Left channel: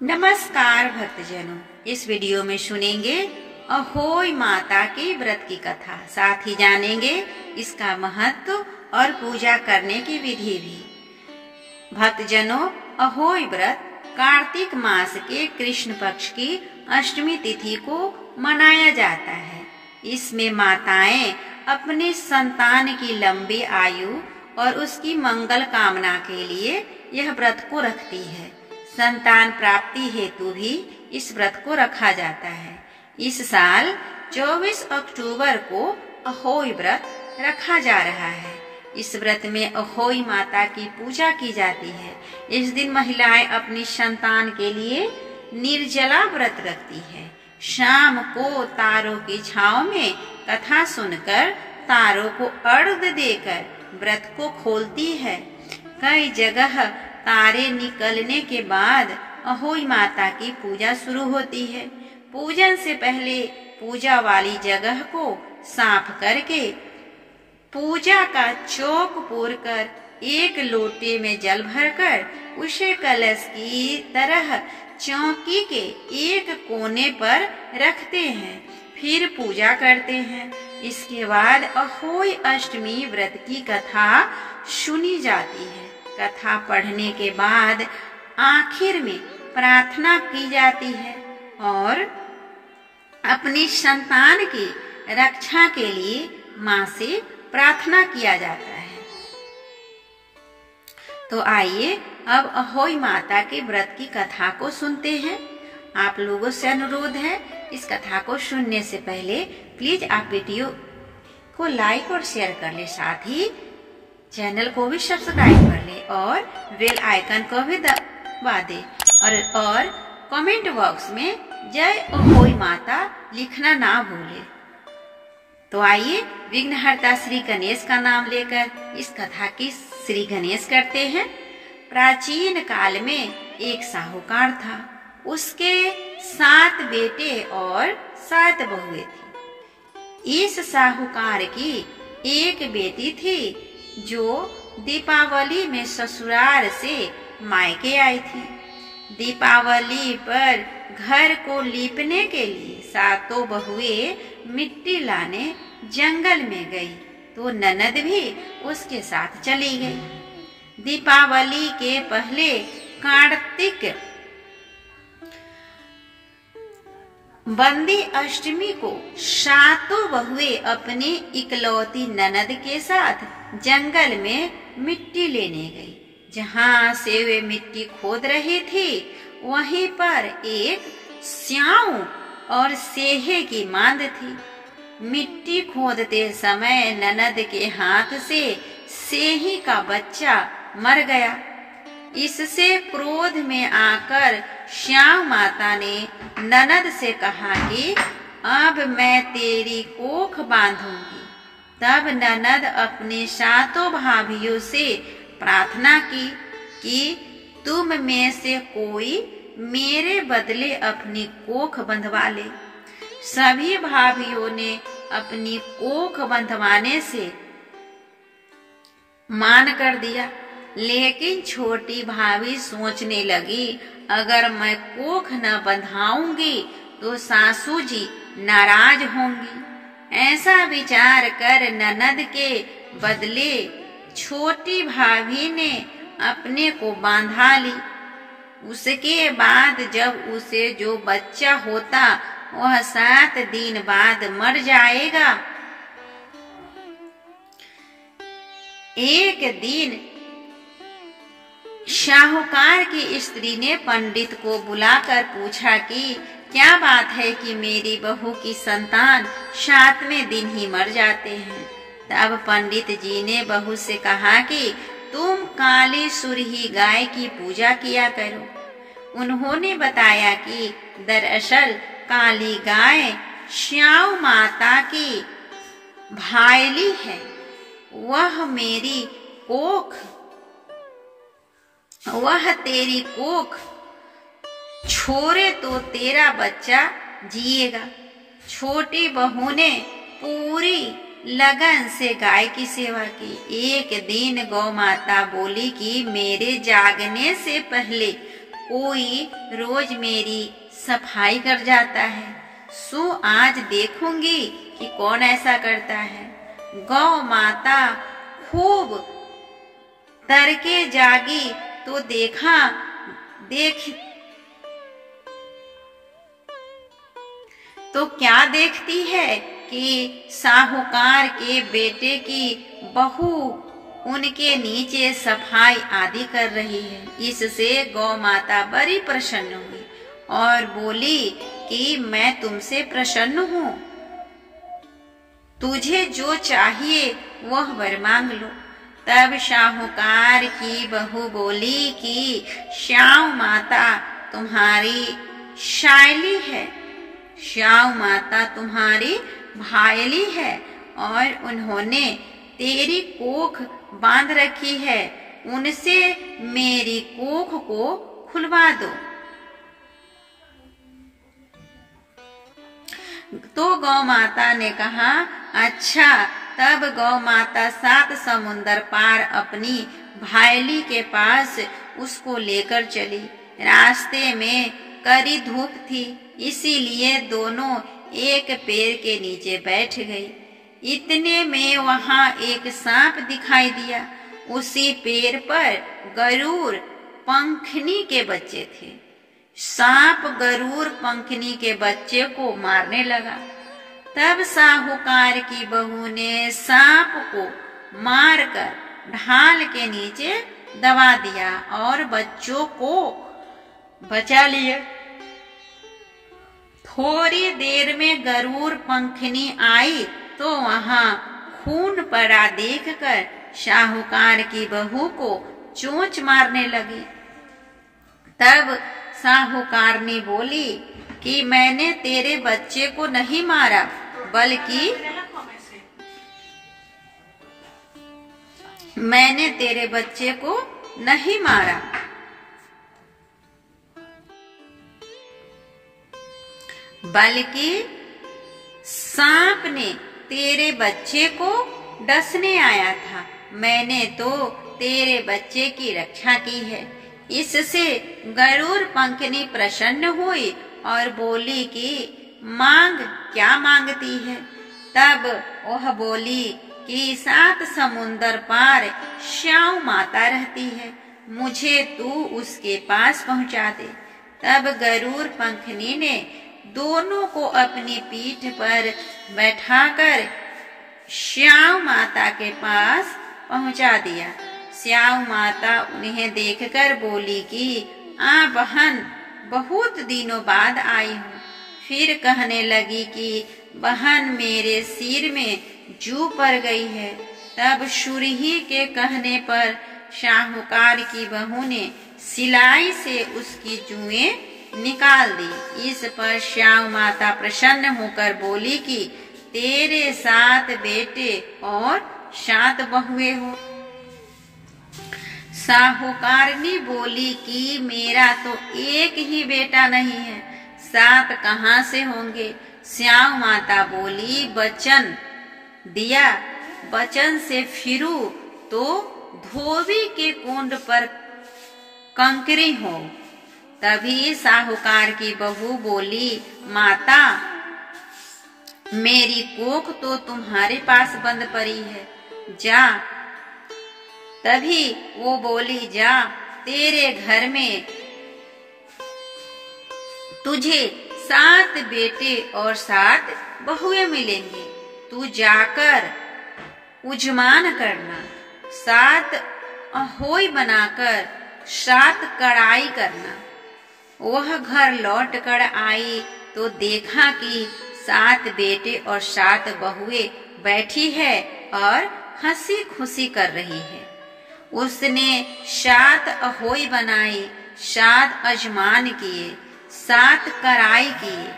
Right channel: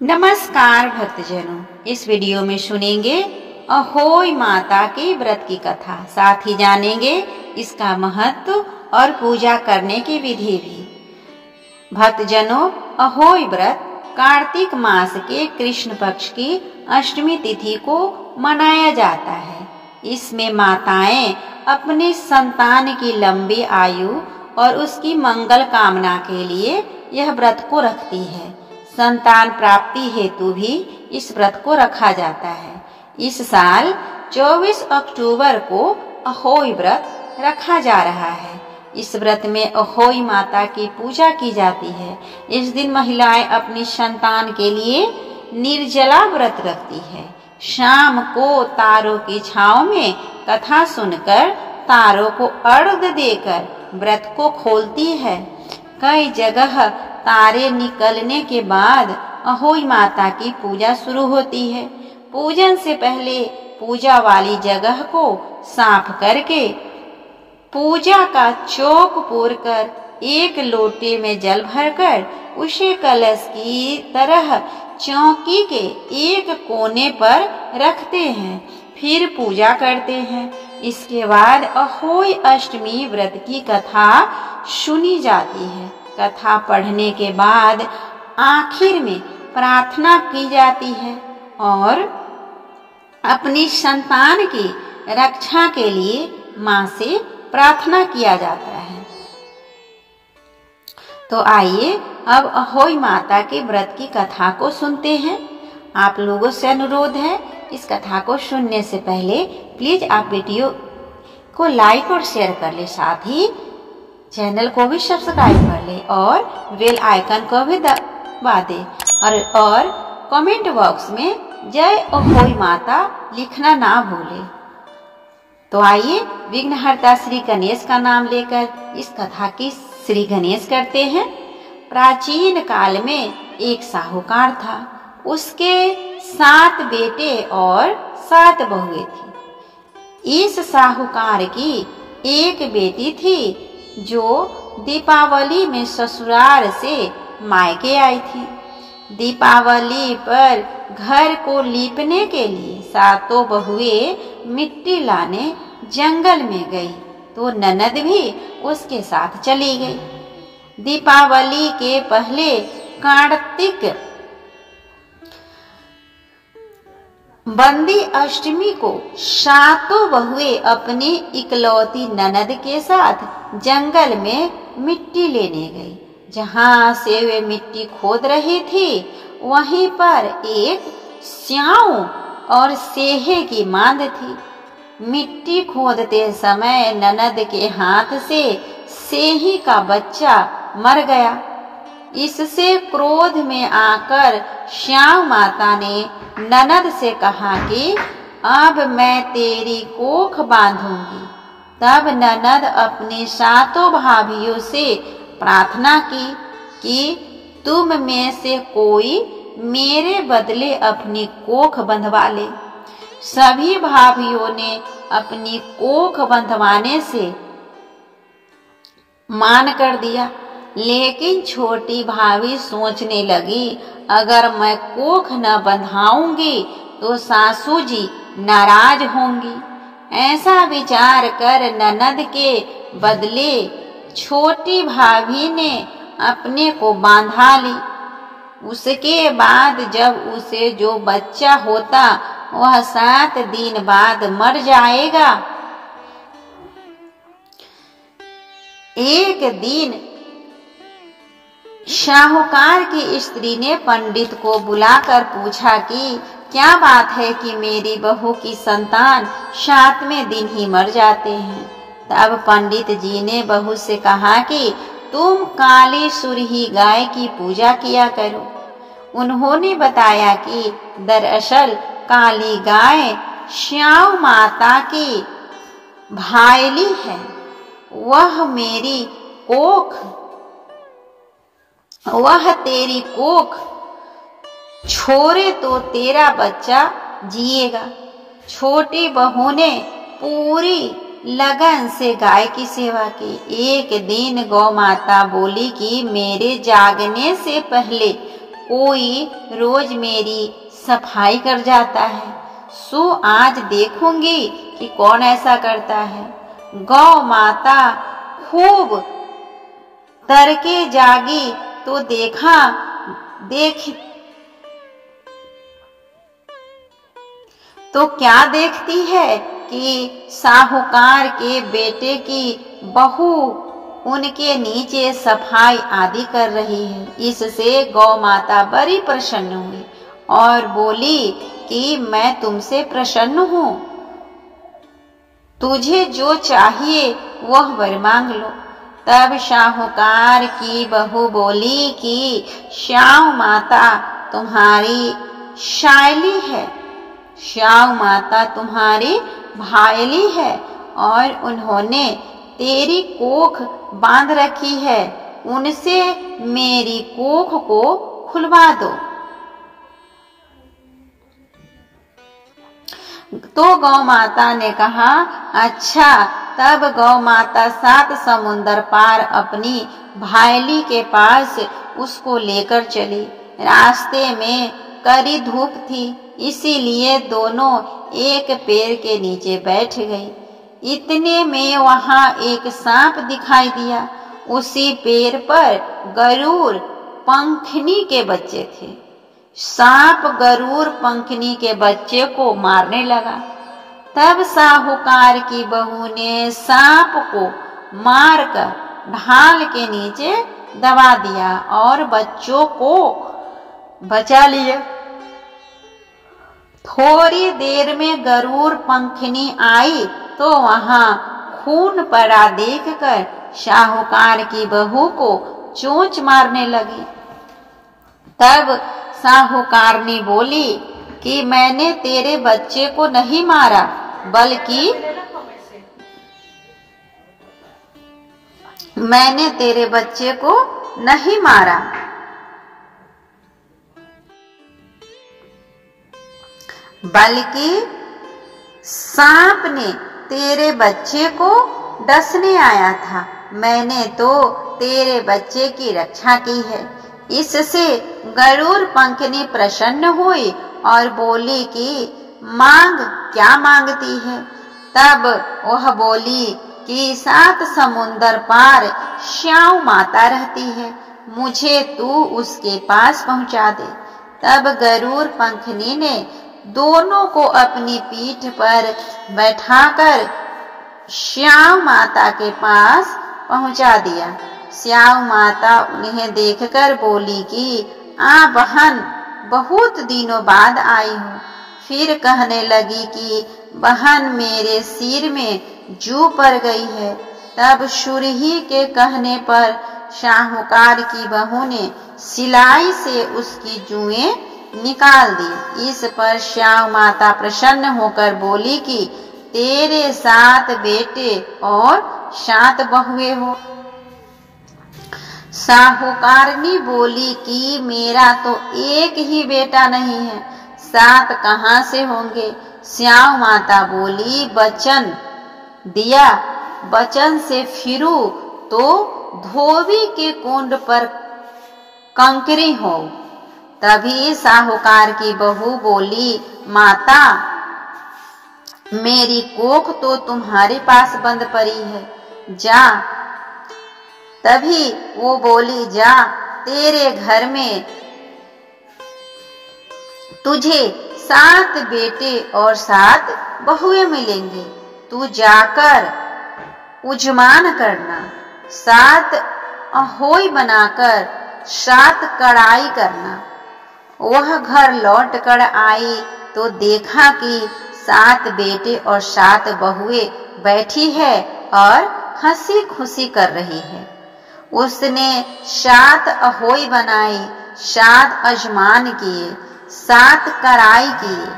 नमस्कार भक्तजनों, इस वीडियो में सुनेंगे अहोई माता के व्रत की कथा। साथ ही जानेंगे इसका महत्व और पूजा करने की विधि भी। भक्तजनों, अहोई व्रत कार्तिक मास के कृष्ण पक्ष की अष्टमी तिथि को मनाया जाता है। इसमें माताएं अपने संतान की लंबी आयु और उसकी मंगल कामना के लिए यह व्रत को रखती है। संतान प्राप्ति हेतु भी इस व्रत को रखा जाता है। इस साल 24 अक्टूबर को अहोई व्रत रखा जा रहा है। इस व्रत में अहोई माता की पूजा की जाती है। इस दिन महिलाएं अपनी संतान के लिए निर्जला व्रत रखती है। शाम को तारों की छांव में कथा सुनकर तारों को अर्घ्य देकर व्रत को खोलती है। कई जगह तारे निकलने के बाद अहोई माता की पूजा शुरू होती है। पूजन से पहले पूजा वाली जगह को साफ करके पूजा का चौक पूरकर एक लोटे में जल भरकर उसे कलश की तरह चौकी के एक कोने पर रखते हैं, फिर पूजा करते हैं। इसके बाद अहोई अष्टमी व्रत की कथा सुनी जाती है। कथा पढ़ने के बाद आखिर में प्रार्थना की जाती है और अपनी संतान की रक्षा के लिए मां से प्रार्थना किया जाता है। तो आइए अब अहोई माता के व्रत की कथा को सुनते हैं। आप लोगों से अनुरोध है, इस कथा को सुनने से पहले प्लीज आप वीडियो को लाइक और शेयर कर ले, साथ ही चैनल को भी सब्सक्राइब कर ले और बेल आइकन को भी दबा दे और कमेंट बॉक्स में जय अहोई माता लिखना ना भूले। तो आइए विघ्नहर्ता श्री गणेश का नाम लेकर इस कथा की श्री गणेश करते हैं। प्राचीन काल में एक साहूकार था। उसके 7 बेटे और 7 बहुएं थी। इस साहूकार की एक बेटी थी जो दीपावली में ससुराल से मायके आई थी। दीपावली पर घर को लीपने के लिए 7 बहुएं मिट्टी लाने जंगल में गई तो ननद भी उसके साथ चली गई। दीपावली के पहले कार्तिक बंदी अष्टमी को 7 बहुएं अपनी इकलौती ननद के साथ जंगल में मिट्टी लेने गई। जहाँ से वे मिट्टी खोद रही थी वहीं पर एक स्याऊ और सेहे की मांद थी। मिट्टी खोदते समय ननद के हाथ से सेही का बच्चा मर गया। इससे क्रोध में आकर श्याम माता ने ननद से कहा कि अब मैं तेरी कोख बांधूंगी। तब ननद अपनी 7 भाभियों से प्रार्थना की कि तुम में से कोई मेरे बदले अपनी कोख बंधवा ले। सभी भाभियों ने अपनी कोख बंधवाने से मान कर दिया, लेकिन छोटी भाभी सोचने लगी अगर मैं कोख न बंधाऊंगी तो सासू जी नाराज होंगी। ऐसा विचार कर ननद के बदले छोटी भाभी ने अपने को बांधा ली। उसके बाद जब उसे जो बच्चा होता वह 7 दिन बाद मर जाएगा। एक दिन साहूकार की स्त्री ने पंडित को बुलाकर पूछा कि क्या बात है कि मेरी बहू की संतान 7वें दिन ही मर जाते हैं। तब पंडित जी ने बहू से कहा कि तुम काली सुरही गाय की पूजा किया करो। उन्होंने बताया कि दरअसल काली गाय श्याम माता की भायली है। वह तेरी कोख छोड़े तो तेरा बच्चा जिएगा। छोटी बहू ने पूरी लगन से गाय की सेवा की। एक दिन गौ माता बोली कि मेरे जागने से पहले कोई रोज मेरी सफाई कर जाता है, सो आज देखूंगी कि कौन ऐसा करता है। गौ माता खूब तड़के जागी तो क्या देखती है कि साहूकार के बेटे की बहू उनके नीचे सफाई आदि कर रही है। इससे गौ माता बड़ी प्रसन्न हुई और बोली कि मैं तुमसे प्रसन्न हूँ, तुझे जो चाहिए वह वर मांग लो। तब साहूकार की बहू बोली कि श्याम माता तुम्हारी शायली है, श्याम माता तुम्हारी भायली है और उन्होंने तेरी कोख बांध रखी है, उनसे मेरी कोख को खुलवा दो। तो गौ माता ने कहा, अच्छा। तब गौ माता 7 समुंदर पार अपनी भायली के पास उसको लेकर चली। रास्ते में कड़ी धूप थी, इसीलिए दोनों एक पेड़ के नीचे बैठ गई। इतने में वहां एक सांप दिखाई दिया। उसी पेड़ पर गरुड़ पंखनी के बच्चे थे। सांप गरुड़ पंखनी के बच्चे को मारने लगा। तब साहूकार की बहू ने सांप को मारकर ढाल के नीचे दबा दिया और बच्चों को बचा लिया। थोड़ी देर में गरुड़ पंखनी आई तो वहां खून पड़ा देखकर साहूकार की बहू को चोंच मारने लगी। तब साहूकारनी बोली कि मैंने तेरे बच्चे को नहीं मारा, बल्कि मैंने तेरे बच्चे को नहीं मारा, बल्कि सांप ने तेरे बच्चे को डसने आया था। मैंने तो तेरे बच्चे की रक्षा की है। इससे गरुड़ पंखनी प्रसन्न हुई और बोली कि मांग, क्या मांगती है। तब वह बोली कि 7 समुंदर पार श्याम माता रहती है, मुझे तू उसके पास पहुंचा दे। तब गरुड़ पंखनी ने दोनों को अपनी पीठ पर बैठाकर श्याम माता के पास पहुंचा दिया। श्याम माता उन्हें देखकर बोली कि आ बहन, बहुत दिनों बाद आई हूँ। फिर कहने लगी कि बहन, मेरे सिर में जू पड़ गई है। तब सुरही के कहने पर साहूकार की बहू ने सिलाई से उसकी जुएं निकाल दी। इस पर श्याम माता प्रसन्न होकर बोली कि तेरे 7 बेटे और 7 बहुएं हो। साहूकारनी बोली कि मेरा तो एक ही बेटा नहीं है, 7 कहाँ से होंगे। श्याम माता बोली, वचन दिया, वचन से फिरू तो धोबी के कुंड पर कंकरी हो। तभी साहूकार की बहू बोली, माता, मेरी कोख तो तुम्हारे पास बंद पड़ी है, जा। तभी वो बोली, जा, तेरे घर में तुझे 7 बेटे और 7 बहुएं मिलेंगे। तू जाकर उजमान करना, 7 अहोई बनाकर 7 कड़ाई करना। वह घर लौट कर आई तो देखा कि 7 बेटे और 7 बहुएं बैठी है और हंसी खुशी कर रही है। उसने 7 अहोई बनाई, 7 अजमान किए, 7 कड़ाई किए।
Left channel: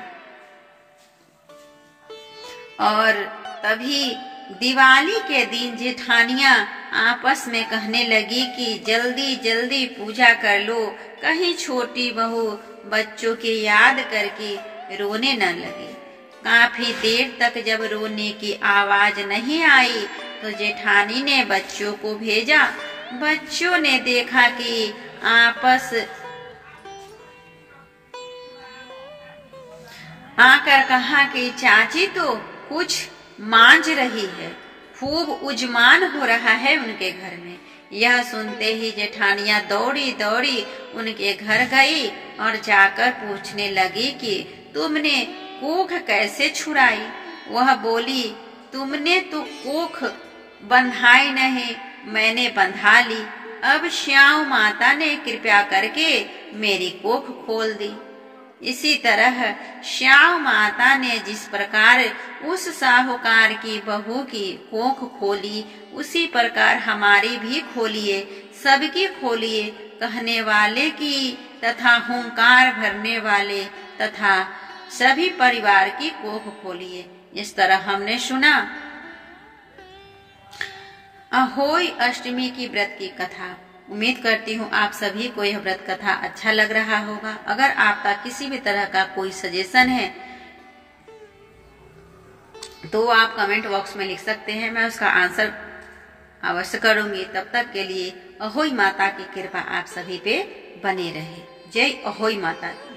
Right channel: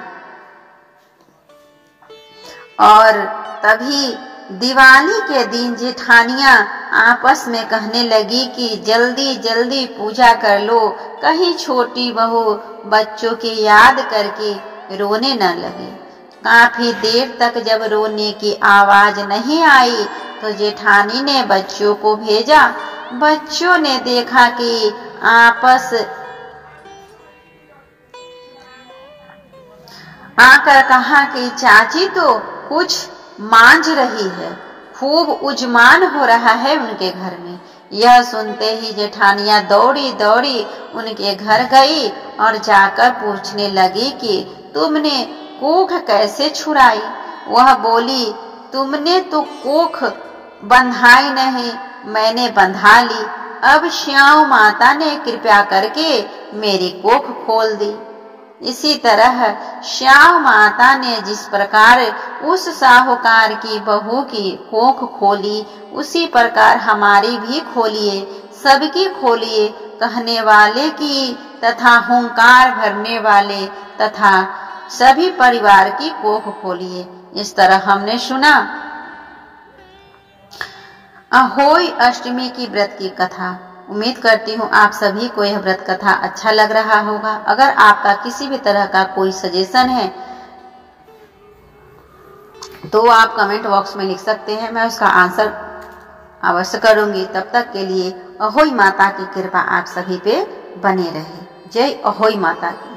और तभी दिवाली के दिन जेठानियां आपस में कहने लगी कि जल्दी जल्दी पूजा कर लो, कहीं छोटी बहू बच्चों की याद करके रोने न लगे। काफी देर तक जब रोने की आवाज नहीं आई तो जेठानी ने बच्चों को भेजा। बच्चों ने देखा कि आपस आकर कहा कि चाची तो कुछ मांझ रही है, खूब उजमान हो रहा है उनके घर में। यह सुनते ही जेठानियां दौड़ी दौड़ी उनके घर गई और जाकर पूछने लगी कि तुमने कोख कैसे छुड़ाई। वह बोली, तुमने तो कोख बंधाई नहीं, मैंने बंधा ली। अब श्याम माता ने कृपा करके मेरी कोख खोल दी। इसी तरह श्याम माता ने जिस प्रकार उस साहूकार की बहू की कोख खोली, उसी प्रकार हमारी भी खोलिए, सबकी खोलिए, कहने वाले की तथा हुंकार भरने वाले तथा सभी परिवार की कोख खोलिए। इस तरह हमने सुना अहोई अष्टमी की व्रत की कथा। उम्मीद करती हूँ आप सभी को यह व्रत कथा अच्छा लग रहा होगा। अगर आपका किसी भी तरह का कोई सजेशन है तो आप कमेंट बॉक्स में लिख सकते हैं, मैं उसका आंसर अवश्य करूंगी। तब तक के लिए अहोई माता की कृपा आप सभी पे बने रहे। जय अहोई माता की।